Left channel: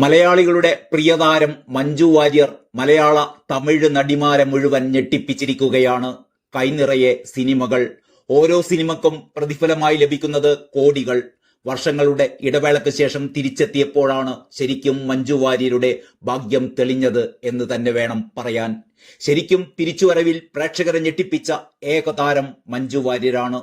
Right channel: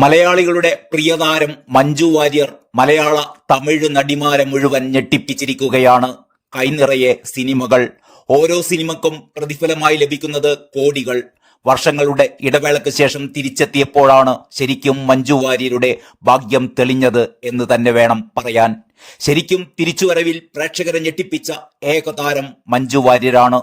മലയാളികളുടെ പ്രിയതാരം മഞ്ജു വാര്യർ മലയാള തമിഴ് നടിമാരെ മുഴുവൻ ഞെട്ടിപ്പിച്ചിരിക്കുകയാണ്. കൈനിറയെ സിനിമകൾ, ഓരോ സിനിമക്കും പ്രതിഫലമായി ലഭിക്കുന്നത് കോടികൾ. വർഷങ്ങളുടെ ഇടവേളയ്ക്ക് ശേഷം തിരിച്ചെത്തിയപ്പോഴാണ് ശരിക്കും മഞ്ജു വാര്യരുടെ ഭാഗ്യം തെളിഞ്ഞത് എന്ന് തന്നെ വേണം പറയാൻ. ശരിക്കും തിരിച്ചുവരവിൽ പ്രേക്ഷകരെ ഞെട്ടിപ്പിച്ച ഏകതാരം മഞ്ജു വാര്യരാണ്.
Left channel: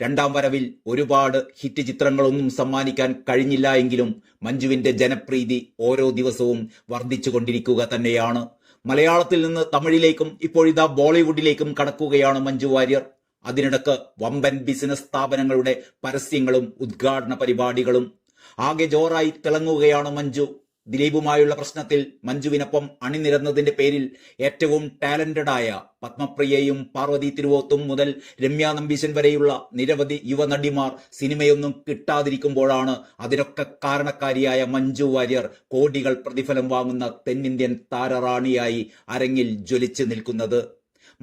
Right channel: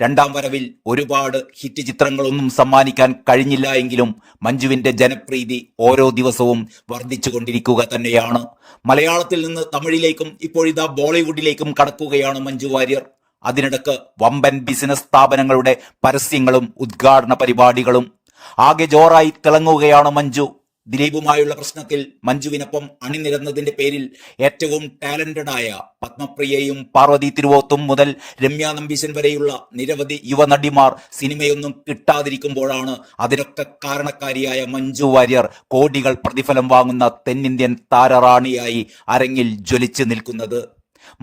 രണ്ടാം വരവിൽ ഒരുപാട് ഹിറ്റ് ചിത്രങ്ങളൊന്നും സമ്മാനിക്കാൻ കഴിഞ്ഞില്ല എങ്കിലും മഞ്ജുവിന്റെ ജനപ്രീതി ഓരോ ദിവസവും വർദ്ധിച്ചുകൊണ്ടിരിക്കുക തന്നെയാണ്. മലയാളത്തിൽ നിന്ന് തമിഴിലേക്കും ഇപ്പോഴിതാ ബോളിവുഡിലേക്കും കടക്കുകയാണ് മഞ്ജു വാര്യർ. അതിനിടക്ക് വമ്പൻ ബിസിനസ് സ്ഥാപനങ്ങളുടെ പരസ്യങ്ങളും ഉദ്ഘാടന പരിപാടികളും. ആകെ ജോറായി തിളങ്ങുകയാണ് മഞ്ജു. ദിലീപുമായുള്ള പ്രശ്നത്തിൽ മഞ്ജുവിനൊപ്പം അണിനിരന്നതിന്റെ പേരിൽ ഏറ്റവും ടാലന്റഡായ പത്മപ്രിയയും പാർവതി തിരുവോത്തും മുതൽ രമ്യ നമ്പീശൻ വരെയുള്ള നിരവധി യുവനടിമാർ സിനിമയൊന്നും കിട്ടാതിരിക്കുമ്പോഴാണ് അതിനൊക്കെ കാരണക്കാരിയായ മഞ്ജു വാര്യർ കോടികൾ പ്രതിഫലം വാങ്ങുന്ന തെന്നിന്ത്യൻ താരറാണിയായി അരങ്ങിൽ ജ്വലിച്ചു നിൽക്കുന്നത്.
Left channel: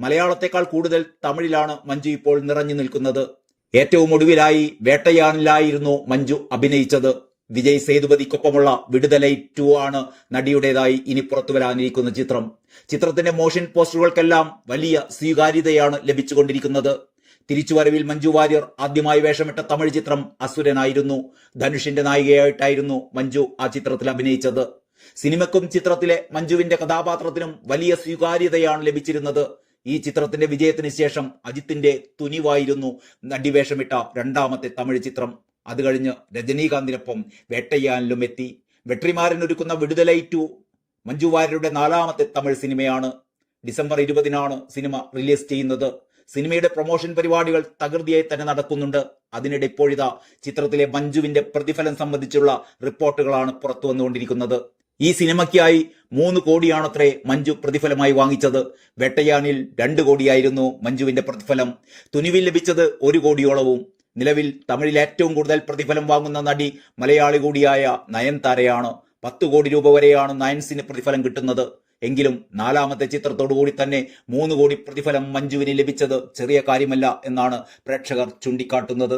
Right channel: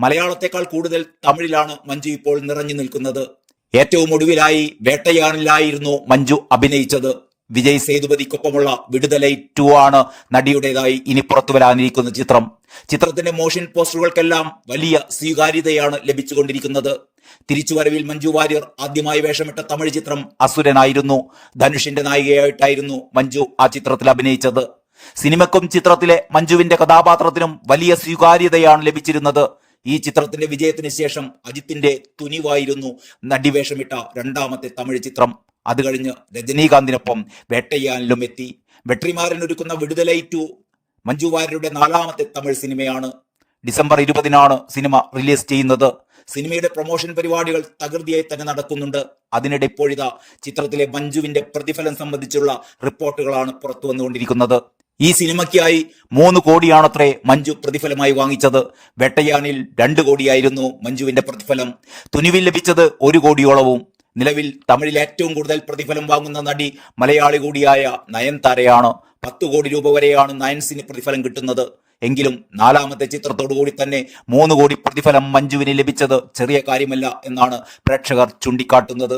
മലയാളത്തെക്കാൾ കൂടുതൽ തമിഴിലാണ് മഞ്ജു ഇപ്പോൾ നിറഞ്ഞു നിൽക്കുന്നത്. ഏറ്റവും ഒടുവിലായി വേട്ടയാനിലായിരുന്നു മഞ്ജു അഭിനയിച്ചത്. വിജയ് സേതുപതിക്കൊപ്പമുള്ള വിടുതലൈ 2 ആണ് നടിയുടേതായി ഇനി പുറത്തു വരാനിരിക്കുന്ന ചിത്രം. ചിത്രത്തിന്റെ മോഷൻ പോസ്റ്ററുകൾക്കെല്ലാം വലിയ സ്വീകാര്യതയാണ് ലഭിച്ചുകൊണ്ടിരിക്കുന്നത്. തിരിച്ചുവരവിൽ മഞ്ജു വാര്യർ ആദ്യമായി വേഷമിട്ട തമിഴ് ചിത്രം അസുരനായിരുന്നു. ധനുഷിന്റെ നായികയായിട്ടായിരുന്നു മഞ്ജു ആ ചിത്രത്തിൽ അഭിനയിച്ചത്. സിനിമയ്ക്കും ചിത്രത്തിലെ മഞ്ജുവിന്റെ കഥാപാത്രത്തിനും വലിയ സ്വീകാര്യതയാണ് ലഭിച്ചിരുന്നത്. ഈ ചിത്രത്തിന്റെ വിജയത്തിന് ശേഷം അജിത്തിന്റെ തുനിവായിരുന്നു നടിവേഷമിട്ട രണ്ടാമത്തെ തമിഴ് ചിത്രം. അത് കഴിഞ്ഞ് രജനീകാന്തിനൊപ്പം വേട്ടയ്യാനിലും എത്തി. വെട്രിമാരനൊരുക്കുന്ന വിടുതലൈ 2 മഞ്ജു വാര്യരുടെ 4ാമത്തെ തമിഴ് സിനിമയാണ്. ഡിസംബർ 20-നാണ് സിനിമ റിലീസ് ചെയ്യുന്നത്. സിനിമയുടെ പ്രൊമോഷൻ പരിപാടികൾ തകൃതിയായി തന്നെ നടക്കുന്നുണ്ട്. അതിനിടെ ഇപ്പോഴിതാ ചിത്രത്തിലെ മഞ്ജുവിന്റെ പ്രതിഫലം സംബന്ധിച്ചുള്ള റിപ്പോർട്ടുകളാണ് പുറത്തു വന്നുകൊണ്ടിരിക്കുന്നത്. ഈ സിനിമയ്ക്കായി 3 കോടിയാണത്രേ മഞ്ജു പ്രതിഫലമായി വാങ്ങിച്ചത്. വേട്ടയാനിൽ 2 കോടിയായിരുന്നു മഞ്ജുവിന്റെ പ്രതിഫലം. തുനിവിൽ ലഭിച്ചത് 1 കോടിയോളവും. നിലവിൽ തമിഴിൽ ഏറ്റവും കൂടുതൽ പ്രതിഫലം വാങ്ങുന്ന നടി മലയാളി കൂടിയായ നയൻതാരയാണ്. 10 കോടി രൂപ വരെയാണ് നയൻസിന് പ്രതിഫലം കിട്ടുന്നത്. എങ്കിലും 4ാമത്തെ ചിത്രത്തോടുകൂടി തന്നെ 3 കോടി പ്രതിഫലം മഞ്ജുവിന് ലഭിച്ചത് ചെറിയ കാര്യമല്ല എന്നാണ് പ്രേക്ഷകർ ചൂണ്ടിക്കാട്ടുന്നത്.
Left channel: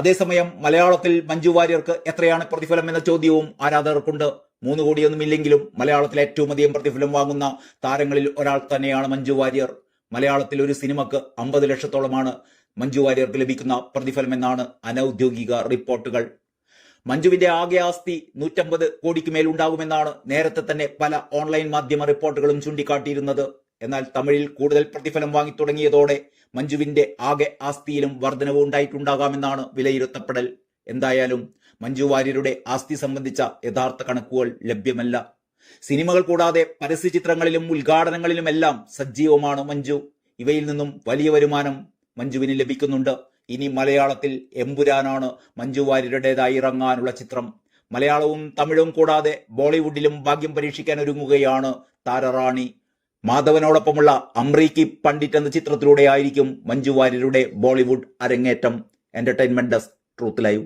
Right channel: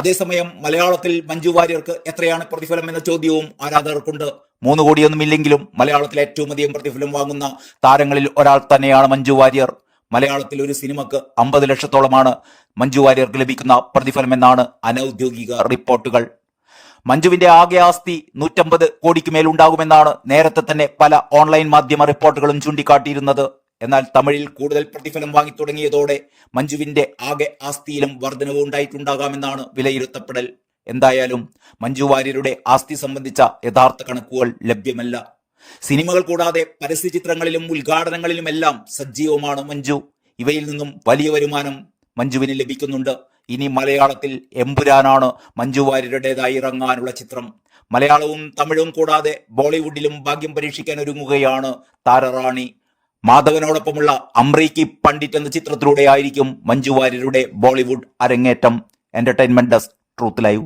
അതേസമയം മലയാളത്തിൽ മഞ്ജു വാര്യർക്ക് എത്രയാണ് പ്രതിഫലം എന്ന ചോദ്യവും ആരാധകർക്കുണ്ട്. 3 കോടിയൊന്നുമില്ലെങ്കിലും മലയാളത്തിൽ ഏറ്റവും അധികം പ്രതിഫലം വാങ്ങുന്ന താരങ്ങളിൽ ഒരാൾ തന്നെയാണ് മഞ്ജു വാര്യർ. മലയാളത്തിൽ ഒരു സിനിമക്ക് 50 ലക്ഷത്തോളമാണ് മഞ്ജു വാര്യർക്ക് ലഭിക്കുന്ന പ്രതിഫലം എന്നാണ് അനൌദ്യോഗിക റിപ്പോർട്ടുകൾ. മഞ്ജുവിന്റെ ആകെ ആസ്തി 150 കോടിക്ക് മേലുണ്ടാകുമെന്നാണ് നേരത്തെ തന്നെ പല ഓൺലൈൻ മാധ്യമ റിപ്പോർട്ടുകളും ചൂണ്ടിക്കാട്ടിയിരുന്നത്. എന്നാൽ തമിഴിൽ കൂടുതൽ പ്രതിഫലം വാങ്ങി തുടങ്ങിയതോടെ മഞ്ജുവിന്റെ ആകെ ആസ്തിയിലും വർധനവ് ഉണ്ടായിട്ടുണ്ടാകാമെന്നാണ് വിലയിരുത്തപ്പെടൽ. എന്തായാലും മഞ്ജു വാര്യരുടെ ആസ്തി സംബന്ധിച്ച യഥാർത്ഥ കണക്കുകൾ ലഭ്യമല്ല. സിനിമകൾ കൂടാതെ പരസ്യ ചിത്രങ്ങളിലും ഉദ്ഘാടനങ്ങളിലുമെല്ലാം സജീവമാണ് മഞ്ജു. ഇവയിൽ നിന്നും വലിയ വരുമാനം മഞ്ജുവിന് ലഭിക്കുന്നുണ്ട്. ഇനി മലയാളത്തിൽ എമ്പുരാനാണ് മഞ്ജു വാര്യരുടേതായി ഇറങ്ങാനുള്ള ചിത്രം. മലയാളവും തമിഴും കൂടാതെ ബോളിവുഡിലും ഭാഗ്യം പരീക്ഷിക്കാൻ ഒരുങ്ങുകയാണ് താരറാണി. മാധവനോടൊപ്പമുള്ള അമ്രീക്കി പണ്ഡിറ്റ് എന്ന ചിത്രത്തിലൂടെ ആയിരിക്കും മഞ്ജു വാര്യരുടെ ബോളിവുഡ് അരങ്ങേറ്റം. Entertainment desk, truth live.